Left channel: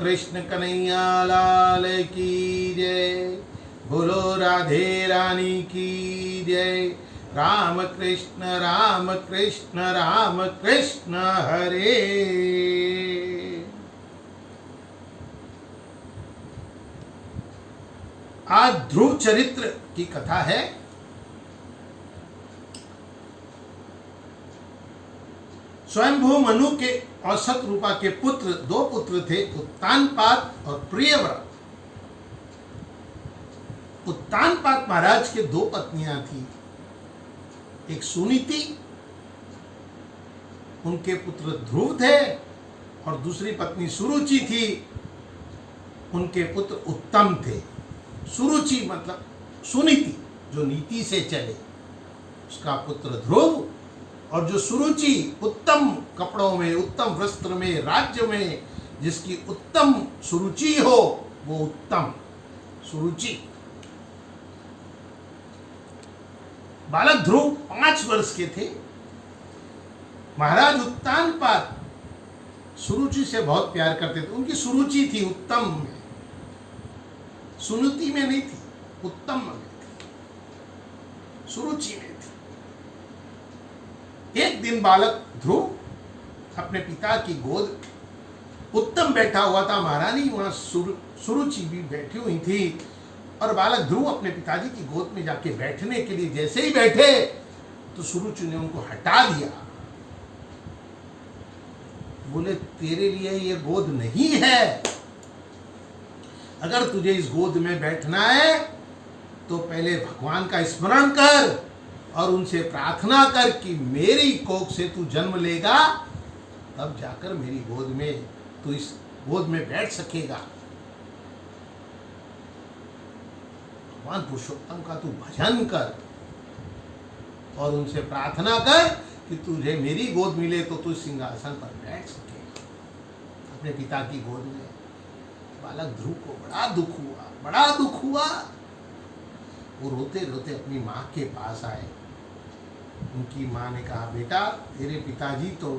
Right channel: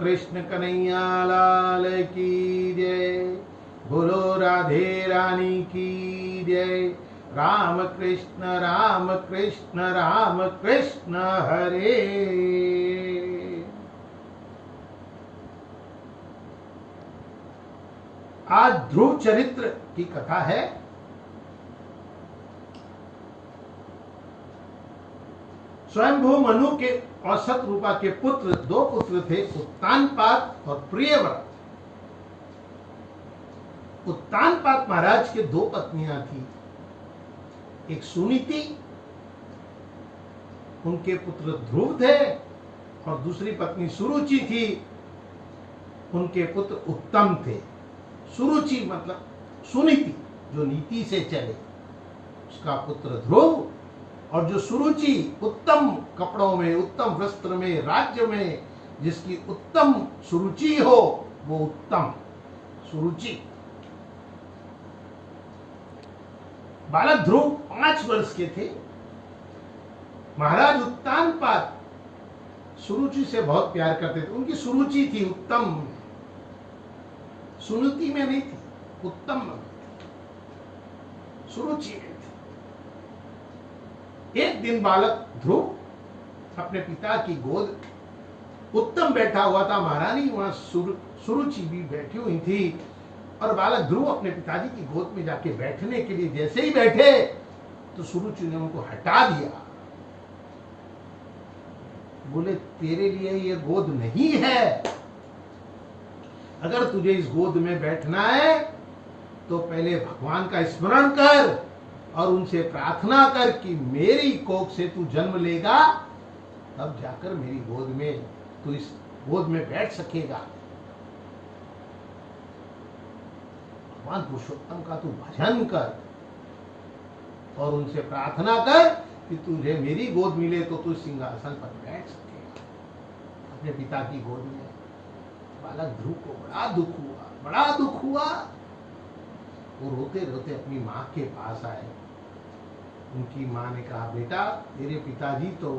कृष्ण कन्हैया लाल की जय। बोलो राधे रानी की जय। राम कृष्ण राम कृष्ण राम कृष्ण हरे। आज ध्रुव चरित्र की कथा है। स्वयंभू मनु के और शतरूपा के पुत्र, दो पुत्र थे, उत्तानपाद और प्रियव्रत। उत्तानपाद महाराज के दो पत्नियां थी, एक सुनीति, उनके पुत्र ध्रुव थे, और दूसरी पत्नी सुरुचि थी, उनके पुत्र उत्तम थे। सुरुचि मतलब सुनीति, जो नीति से चले, उसका पुत्र ध्रुव, और जो सुरुचि उत्तम कपड़ों में, उत्तम वस्त्र में, राज्य में जिसकी उत्तम सुरुचि हो, वो उत्तम सुरुचि। बालक ध्रुव 5 वर्ष के थे। महाराज उत्तानपाद सुरुचि से बहुत प्यार करते थे। उनकी सुरुचि थी उत्तम में, सुनीति में नहीं थी, उत्तम में थी, सुरुचि में थी। एक दिन बालक ध्रुव अपने पिता की गोद, उत्तम बैठा हुआ था, महारानी वहां सुरुचि भी बैठी हुई थी, और बालक ध्रुव अपने पिताजी की गोद में जाके बैठने के लिए जैसे ही बैठे तो सुरुचि ने उनको हटा दिया। बोले, तेरे लिए ये गोद नहीं है, अगर तुझे इस गोद में बैठना है तो पहले भगवान का स्मरण कर और उनसे प्रार्थना कर कि मेरी कोख से तू जन्म लेगा, तब जाकर मेरी गोद में तू इस गोद में बैठ सकेगा। भगवान पुरुषोत्तम का तू भजन कर और उनसे प्रार्थना कर कि तुझे मेरी गोद मिले तो तू सिंहासन पर बैठ सकेगा, अपने पिता की गोद में। बालक ध्रुव को बड़ा दुख हुआ, बड़ा दुख हुआ। वो रोते रोते अपनी माँ के पास आए। उनकी माँ ने कहा, बेटा, तेरे पिताजी तो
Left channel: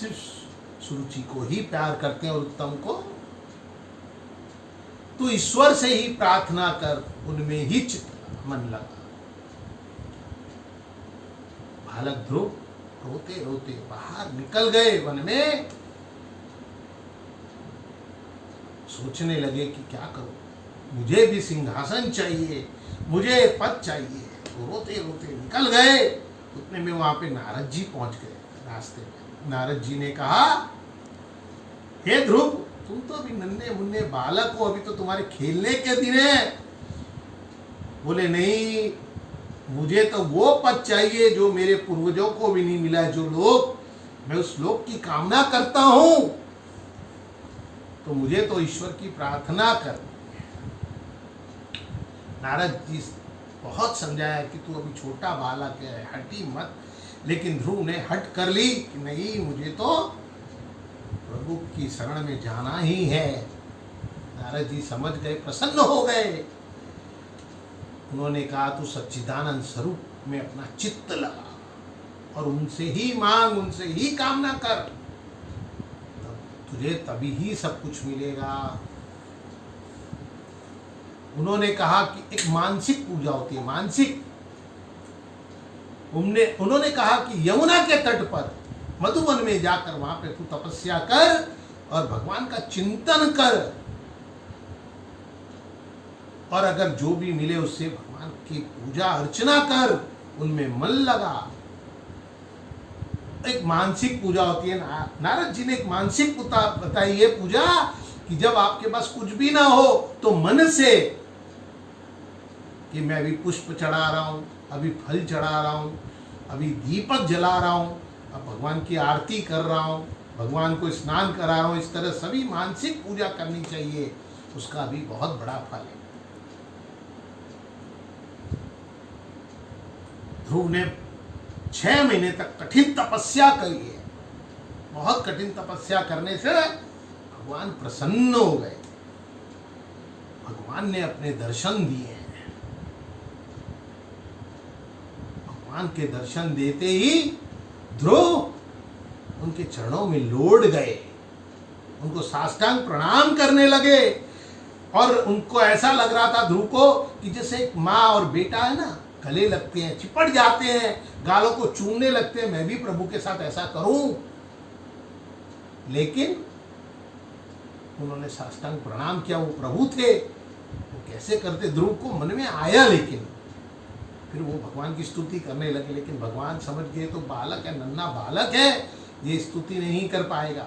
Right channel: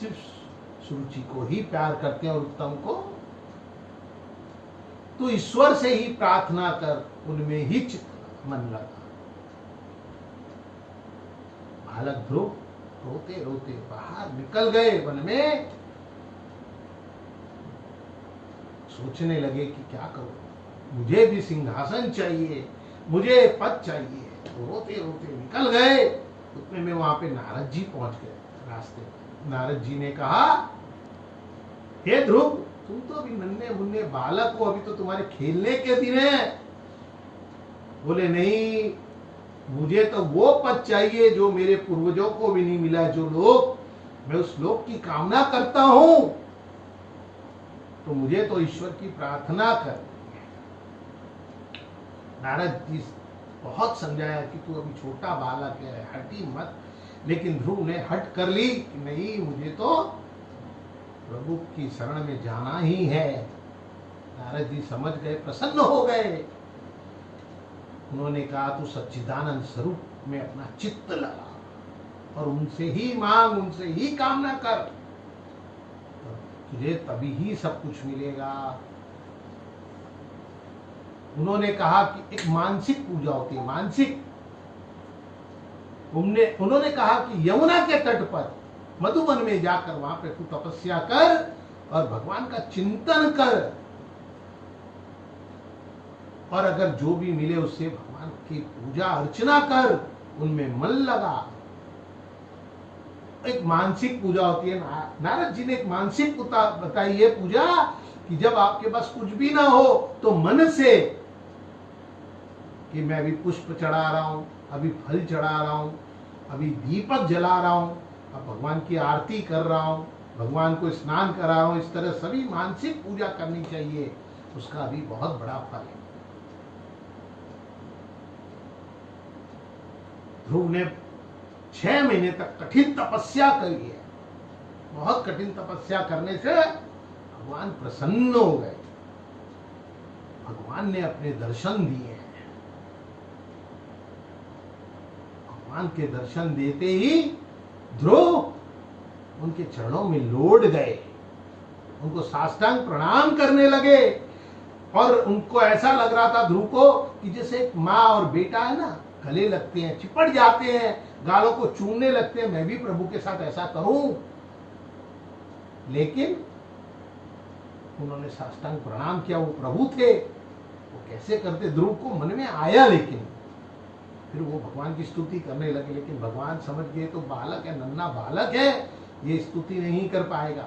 सिर्फ सुरुचि को ही प्यार करते हैं और उत्तम को, तू ईश्वर से ही प्रार्थना कर, उनमें ही चित्त मन लगा। बालक ध्रुव रोते रोते बाहर निकल गए वन में। सोचने लगे कि क्या करूं, मुझे भी सिंहासन चाहिए, मुझे पद चाहिए। तो रोते रोते निकल गए। उतने में वहां पे नारद जी पहुंच गए रास्ते में। नारद जी ने कहा, हे ध्रुव, तुम तो अभी नन्हे मुन्ने बालक हो, अभी तो तुम्हारे खेलने के दिन है। बोले, नहीं, मुझे तो वो पद चाहिए जो मेरे पूर्वजों को भी नहीं मिला, जो लोक, मैं उस लोक की कामना करता हूं, तो मुझे तो ईश्वर की प्रार्थना कर। नारद जी बहुत समझाया कि तू अभी छोटा बालक है, हटी मत, लेकिन ध्रुव ने हट कर ली कि नहीं, मुझे तो प्रभु की शरण में जाना ही है। नारद जी समझ गए, प्रसन्न हो गए। उन्होंने कहा, तू सच्चिदानंद स्वरूप में अपना चित्त लगा और उनसे ही मांग, उनसे ही कामना कर, तुझे तभी ही सब कुछ मिलेगा। उन्होंने कहा कि एक मानसिक पूजा होती है, मानसिक। उन्होंने कहा कि यमुना के तट पर मधुवन में जाकर वहां पे तू तपस्या कर और भगवान का चिंतन कर, और अगर जो भी मिले उससे भगवान की पूजा अर्चना कर, उनमें मन लगा। एक मानसिक पूजा होती है। नारद जी ने एक मानसिक बताई है पूजा, कि जब आपके पास कुछ भी ना हो तो मन से कि मैं अभी पुष्प चढ़ा रहा हूं, अभी फल चढ़ा रहा हूं, अभी दीपक जला रहा हूं, अब भगवान की आरती कर रहा हूं, भगवान को स्नान करा रहा हूं, इस तरह सभी मानसिक पूजा करनी चाहिए, उसका भी बहुत बड़ा फल है। ध्रुव ने 6 महीने तक कठिन तपस्या करी है। बहुत कठिन तपस्या करने से भगवान प्रसन्न हो गए। भगवान ने अपने दर्शन दिए। भगवान के दर्शन देते ही ध्रुव उनके चरणों में लौट गए। उनको साष्टांग प्रणाम करने लगे। और उनको ऐसा लग रहा था ध्रुव को कि जैसे एक माँ और बेटा है ना, गले लगते हैं, चिपट जाते हैं, गालों को चूमने लगते हैं, मैं भी प्रभु के साथ ऐसा करूं। लेकिन उन्होंने साष्टांग प्रणाम किया, वो प्रभु थे, वो कैसे करते ध्रुव को मन में आया। लेकिन फिर वो भगवान की स्तुति करने लगे। लेकिन भगवान समझ गए तो बालक है, नन्हा बालक है, ये स्तुति नहीं कर पाएगा।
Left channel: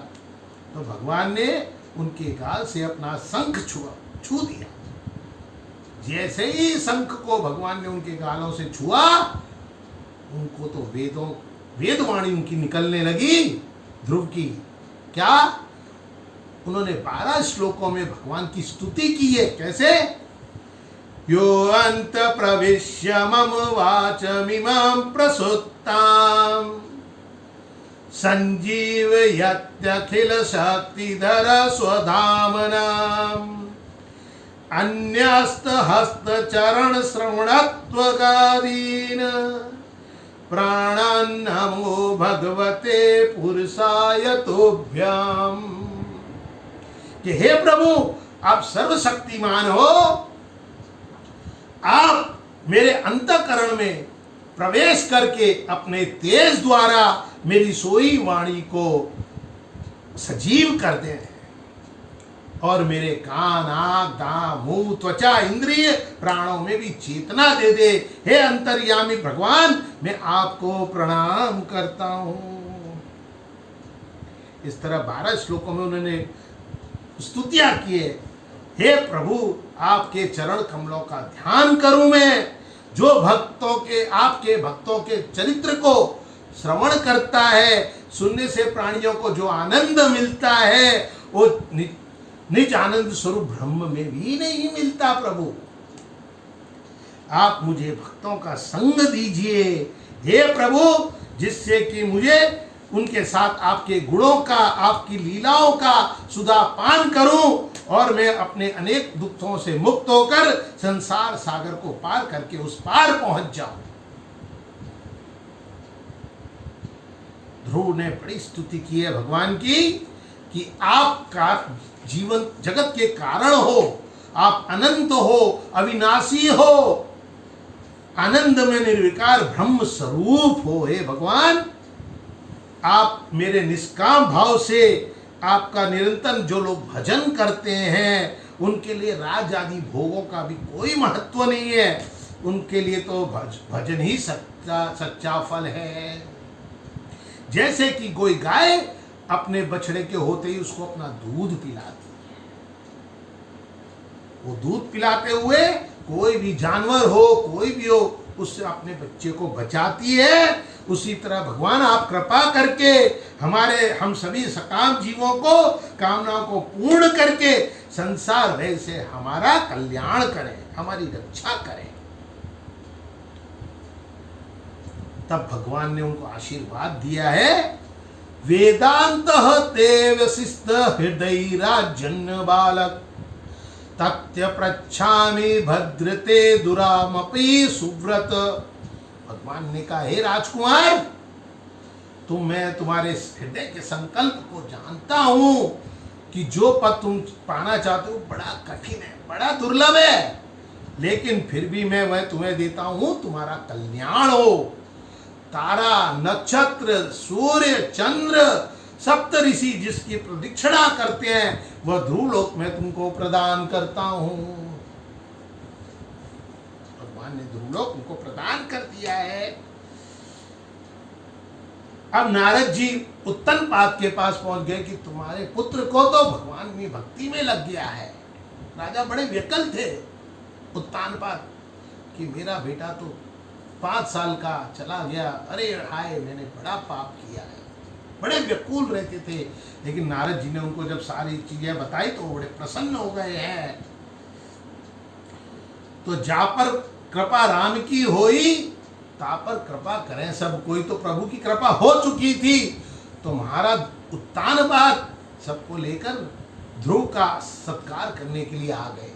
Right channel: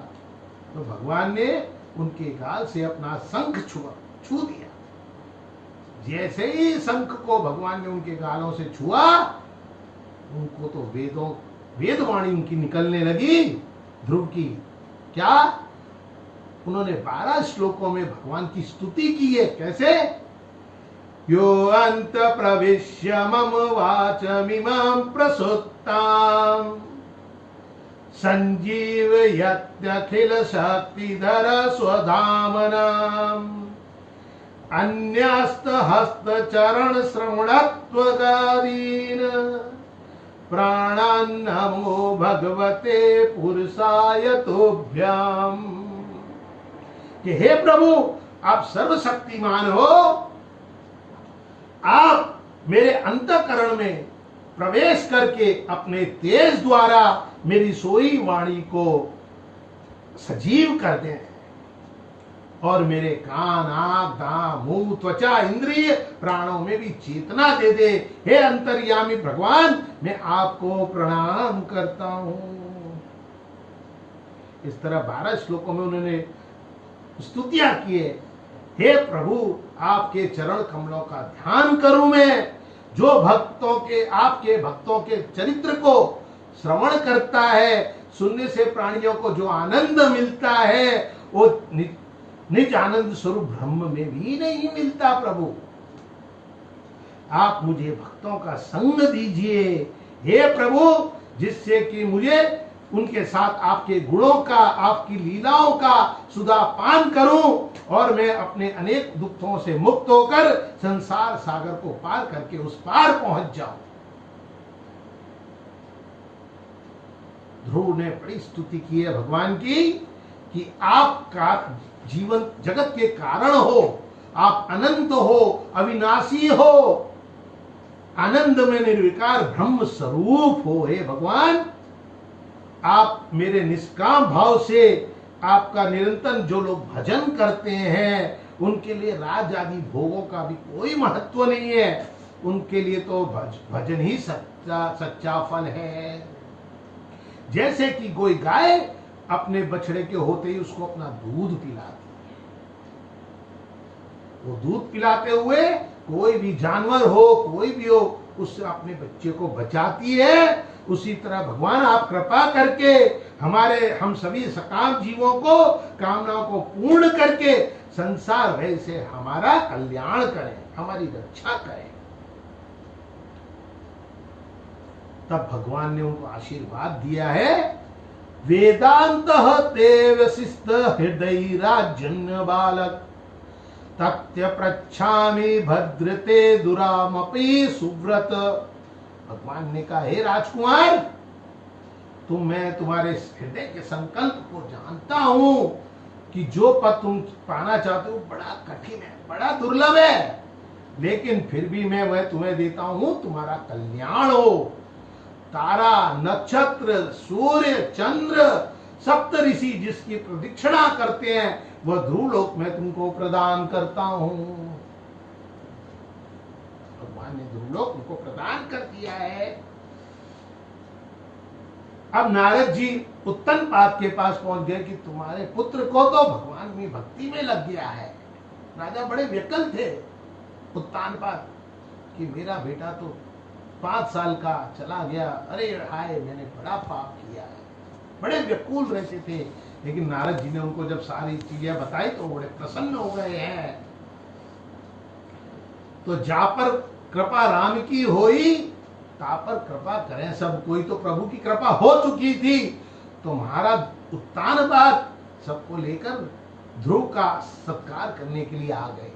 तो भगवान ने उनके गाल से अपना शंख छू दिया। जैसे ही शंख को भगवान ने उनके गालों से छुआ, उनको तो वेदवाणी उनकी निकलने लगी ध्रुव की। क्या? उन्होंने 12 श्लोकों में भगवान की स्तुति की है। कैसे? यो अंत प्रविश्य मम वाचमिमां प्रसुत्तां संजीवयत्यखिल शक्तिधर स्वधामनाम् अन्यस्त हस्त चरण श्रवणत्वगादीन प्राणान् नमो भगवते पुरुषाय तोभ्याम। कि हे प्रभु, आप सर्वशक्तिमान हो, आप मेरे अंतःकरण में प्रवेश करके अपने तेज द्वारा मेरी सोई वाणी को सजीव कर दें और मेरे कान, आंख, दांत, मुंह, त्वचा, इंद्रिय, प्राणों में भी चेतना दे दे। हे अंतर्यामी भगवान, मैं आपको प्रणाम करता हूं। इस तरह 12 श्लोकों में उन्होंने स्तुतियां किए। हे प्रभु, आपके चरण कमलों का ध्यान करूं मैं। जो आपके भक्तों के चरित्र को श्रवण करता है, सुनने से प्राणियों को जो आनंद मिलता है, वो निज आनंद स्वरूप ब्रह्म में भी नहीं मिलता। प्रभु, आप मुझे भक्तों का संग दीजिए हे प्रभु, जिससे कि मुझे उनके साथ आपके गुणों का, आपकी लीलाओं का सुधा पान करूं और मैं अपने अनेक दुखों से मुक्त होकर संसार सागर को पार करके उस पार पहुंच जाऊं। ध्रुव ने बड़ी स्तुति की है भगवान की कि आप का जीवन जगत के कारण हो, आप अनंत हो, अविनाशी हो, आनंद में निर्विकार ब्रह्म स्वरूप हो। हे भगवान, आप मेरे निष्काम भाव से आपका निरंतर जो लोग भजन करते हैं, उनके लिए राज आदि भोगों का भी कोई महत्व नहीं है। उनके लिए तो भजन ही सच्चा फल है। जैसे कि कोई गाय अपने बछड़े के होते ही उसको अपना दूध पिलाती है, वो दूध पिलाते हुए कोई भी जानवर हो, कोई भी हो, उससे अपने बच्चे को बचाती है। उसी तरह भगवान आप कृपा करके हम सभी सकाम जीवों को कामनाओं को पूर्ण करके संसार भय से हमारा कल्याण करें, हमारी रक्षा करें। तब भगवान ने उनको आशीर्वाद दिया है, वेदांत देव शिस्त हृदय राजन्य बालक तथ्य प्रच्छामि भद्रते दुरामपि सुव्रत। भगवान ने कहा, हे राजकुमार, मैं तुम्हारे हृदय के संकल्प को जानता हूं कि जो पद तुम पाना चाहते हो बड़ा कठिन है, बड़ा दुर्लभ है, लेकिन फिर भी मैं वह तुम्हें देता हूं, तुम्हारा कल्याण हो। तारा, नक्षत्र, सूर्य, चंद्र, सप्त ऋषि जिसकी प्रदक्षिणा करते हैं, वह ध्रुव लोक में तुमको प्रदान करता हूं। भगवान ने ध्रुव लोक उनको प्रदान कर दिया है। अब नारद जी उत्तनपाद के पास पहुंच गए कि तुम्हारे पुत्र को तो भगवान में भक्ति में लग गया है। राजा बड़े व्याकुल थे उत्तानपाद कि मेरा बेटा तो 5 साल का चला गया, अरे हाय मैंने बड़ा पाप किया है। बड़े व्याकुल रहते थे। लेकिन नारद जी ने उनको जब सारी चीजें बताई तो बड़े प्रसन्न हो गए हैं। तो जा पर कृपा राम की होई, ता पर कृपा करें सब कोई। तो प्रभु की कृपा हो चुकी थी, तो महाराज उत्तानपाद सबको लेकर ध्रुव का सत्कार करने के लिए आ गए।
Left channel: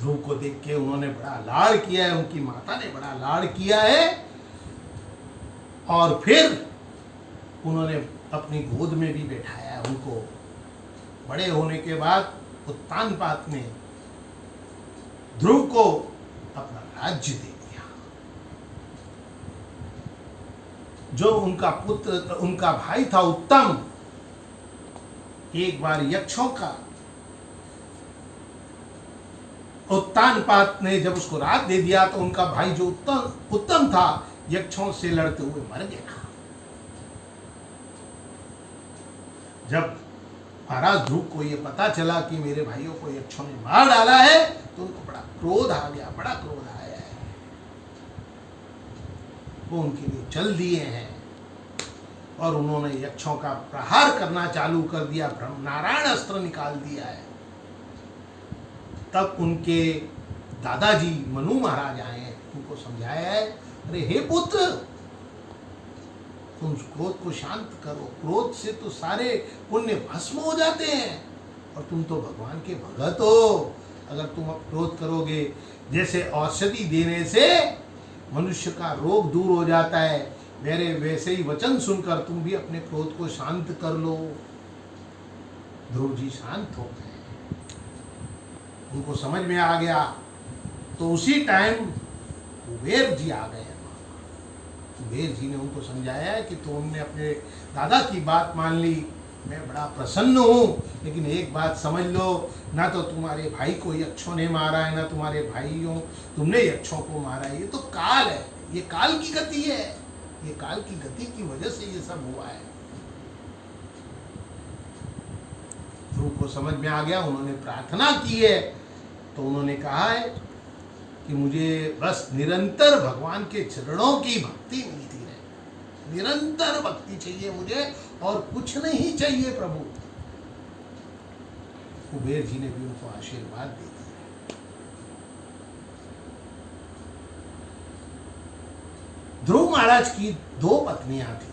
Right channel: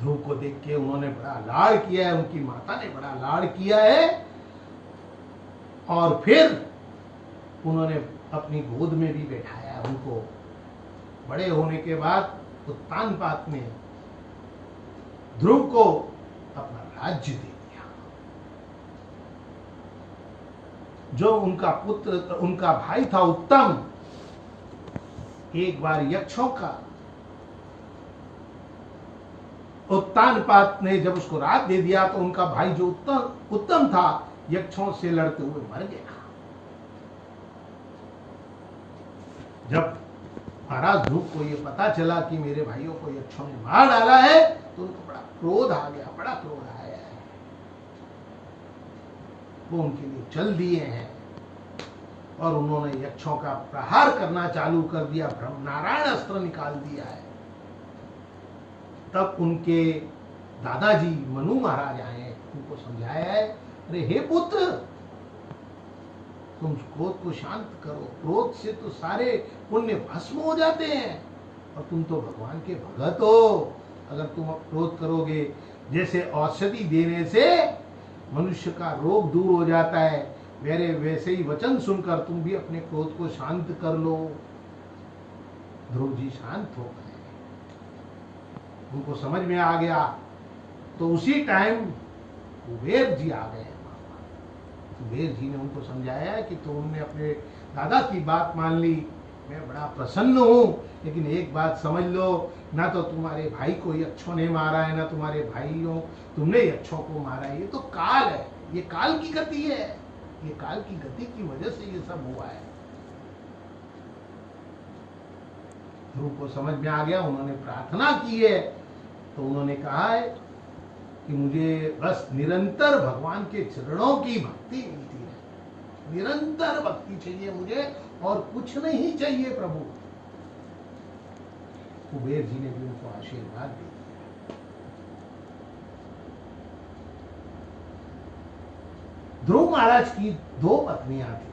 ध्रुव को देख के उन्होंने बड़ा लाड़ किया है, उनकी माता ने बड़ा लाड़ किया है। और फिर उन्होंने अपनी गोद में भी बैठाया उनको। बड़े होने के बाद उत्तानपाद ने ध्रुव को अपना राज्य दे दिया। जो उनका पुत्र, उनका भाई था उत्तम, एक बार यक्षों का उत्तानपाद ने जब उसको रात दे दिया तो उनका भाई जो उत्तम था यक्षों से लड़ते हुए मर गया। जब महाराज ध्रुव को यह पता चला कि मेरे भाइयों को यक्षों ने मार डाला है तो उनको बड़ा क्रोध आ गया, बड़ा क्रोध आया है। वो उनके लिए चल दिए हैं और उन्होंने यक्षों का प्रहार करना चालू कर दिया, ब्रह्मनारायण अस्त्र निकाल दिया है। तब उनके दादाजी मनु महाराज आए, उनको समझाया है, अरे हे पुत्र, तुम क्रोध को शांत करो, क्रोध से तो सारे पुण्य भस्म हो जाते हैं और तुम तो भगवान के भगत हो। अगर तुम अब क्रोध करोगे, जैसे औषधि देने से मनुष्य का रोग दूर हो जाता है, मेरे वैसे ही वचन सुनकर तुम भी अपने क्रोध को शांत कर लो। ध्रुव जी शांत हो गए, उनको समझ में आ गया। तो उसी टाइम कुबेर जी आ गए। कुबेर जी ने उनको समझाया है कि तुमने अपने दादा की बात मान ली, मैं बड़ा प्रसन्न हूँ, लेकिन एक बात समझ लो, ना तो तुम्हारे भाई को यक्षों ने मारा है, ना तुम्हारे भाइयों तुमने यक्षों को मारा है। ये तो काल है, ये काल की गति है, ये काल की गति की वजह से ये सब हुआ है। ध्रुव को समझ में आ गया, उन्होंने प्रार्थना की है। तो उन्होंने कहा है कि मुझे बस निरंतर भगवान के चरणों की भक्ति मिलती है, निरंतर भक्ति चाहिए मुझे और कुछ नहीं चाहिए प्रभु। कुबेर जी ने भी उनको आशीर्वाद दे दिया। ध्रुव महाराज की 2 पत्नियां थी।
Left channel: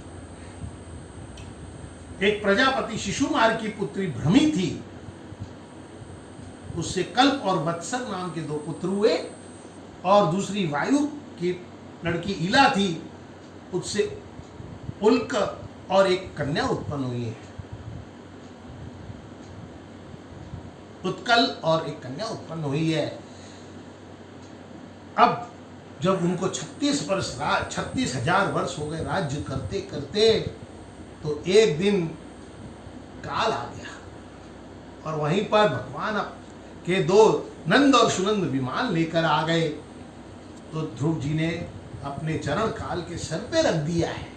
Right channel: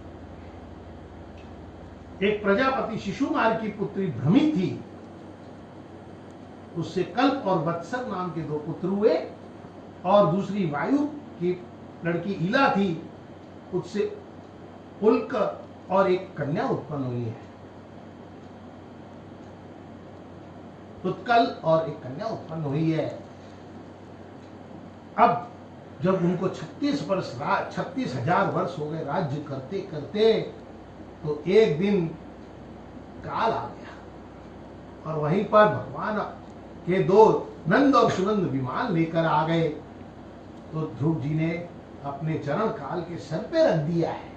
एक प्रजापति शिशुमार की पुत्री भ्रमी थी, उससे कल्प और वत्सर नाम के 2 पुत्र हुए, और दूसरी वायु की लड़की इला थी, उससे उल्क और एक कन्या उत्पन्न हुई है। उत्कल और एक कन्या उत्पन्न हुई है। अब जब उनको 36,000 वर्ष हो गए राज्य करते करते, तो एक दिन काल आ गया और वहीं पर भगवान के 2 नंद और सुनंद विमान लेकर आ गए। तो ध्रुव जी ने अपने चरण काल के सर पे रख दिया है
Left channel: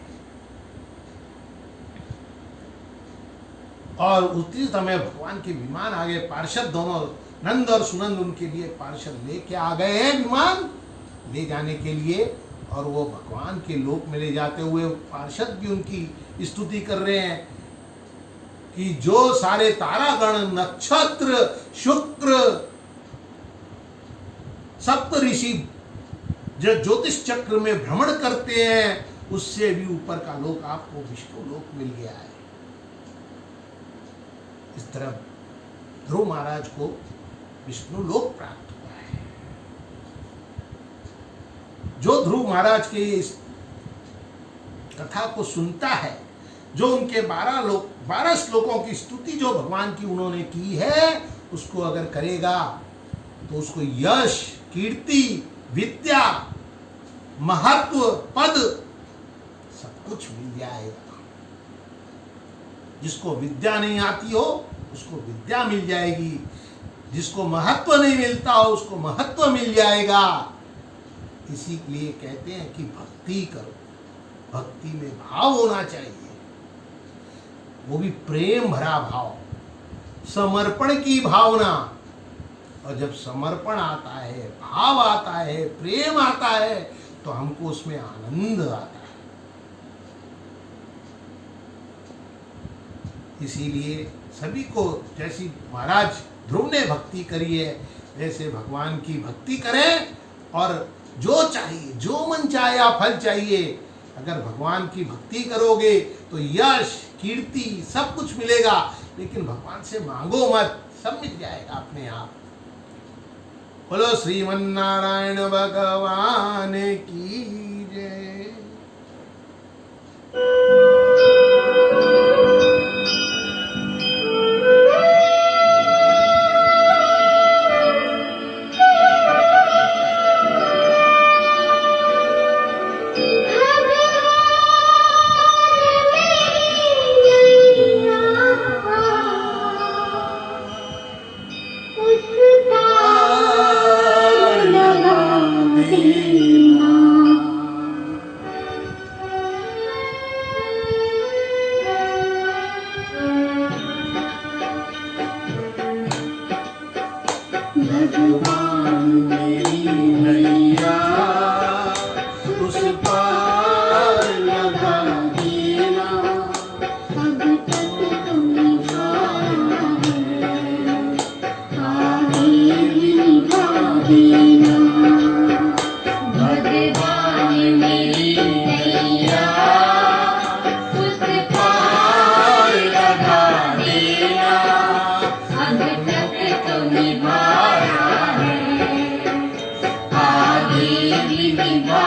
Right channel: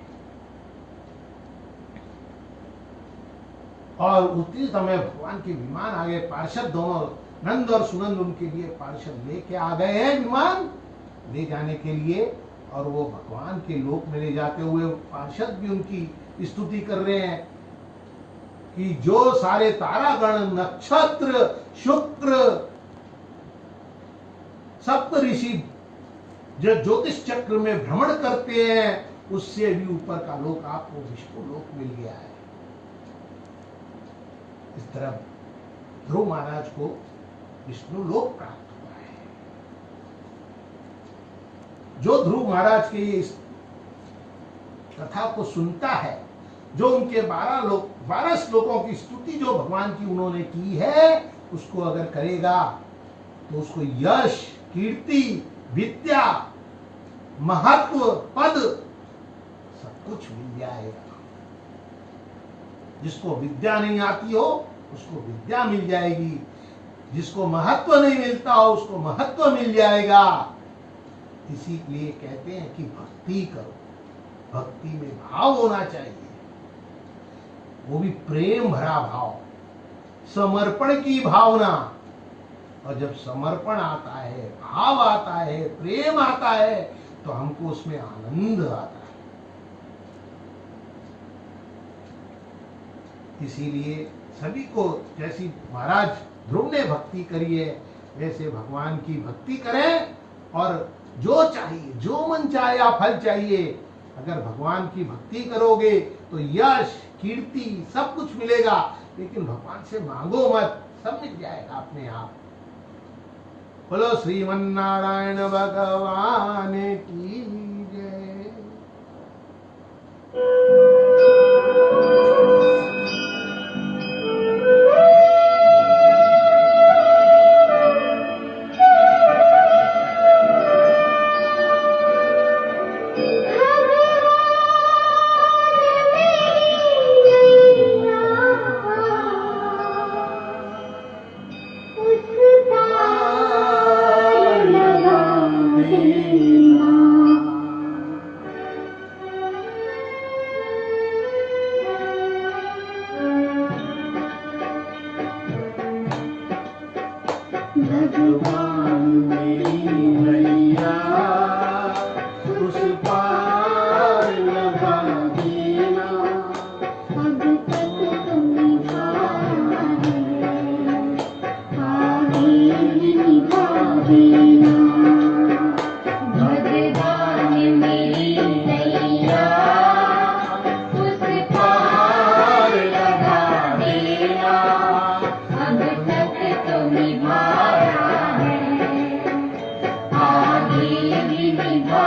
और उसी समय भगवान के विमान आ गए। पार्षद दोनों नंद और सुनंद उनके लिए पार्षद लेके आ गए हैं विमान ले जाने के लिए, और वो भगवान के लोक में ले जाते हुए पार्षद भी उनकी स्तुति कर रहे हैं कि जो सारे तारागण, नक्षत्र, शुक्र, सप्त ऋषि जो ज्योतिष चक्र में भ्रमण करते हैं, उससे भी ऊपर का लोक आपको विष्णु लोक मिल गया है। इस तरह ध्रुव महाराज को विष्णु लोक प्राप्त हुआ है। जो ध्रुव महाराज के इस कथा को सुनता है, जो उनके 12 श्लोकों की स्तुति जो भगवान की उन्होंने की है, उसको अगर करेगा तो उसको यश, कीर्ति, विद्या, महत्व, पद सब कुछ मिल जाएगा। जिसको विद्या नहीं आती हो उसको विद्या मिल जाएगी, जिसको महत्व नहीं मिलता हो उसको महत्व मिल जाएगा। इसीलिए कहते हैं कि भक्ति करो, भक्ति में भाव होना चाहिए, वो भी प्रेम भरा भाव, समर्पण की भावना। और जब समर्पण आता है, भाव आता है, प्रेम आता है, तो हमको उसमें आनंद आता है। इसीलिए सभी को जैसी महाराज ध्रुव ने भक्ति करी है, वैसे भगवान की भक्ति करें और जो चाहिए, जो मन चाहे या फल चाहिए, अगर भगवान की भक्ति करोगे तो यश, कीर्ति सब कुछ मिलेगा। लेकिन भगवान से मांगो मत, सब मिल जाएगा अपने आप। बोलो श्रीमन्नारायण भगवान की जय। भगवान मेरी नैया उस पार लगा देना। अब तक तुम आया है, आगे भी निभा देना। भगवान मेरी नैया उस पार लगा देना। अब तक तुम निभाया है, आगे भी निभा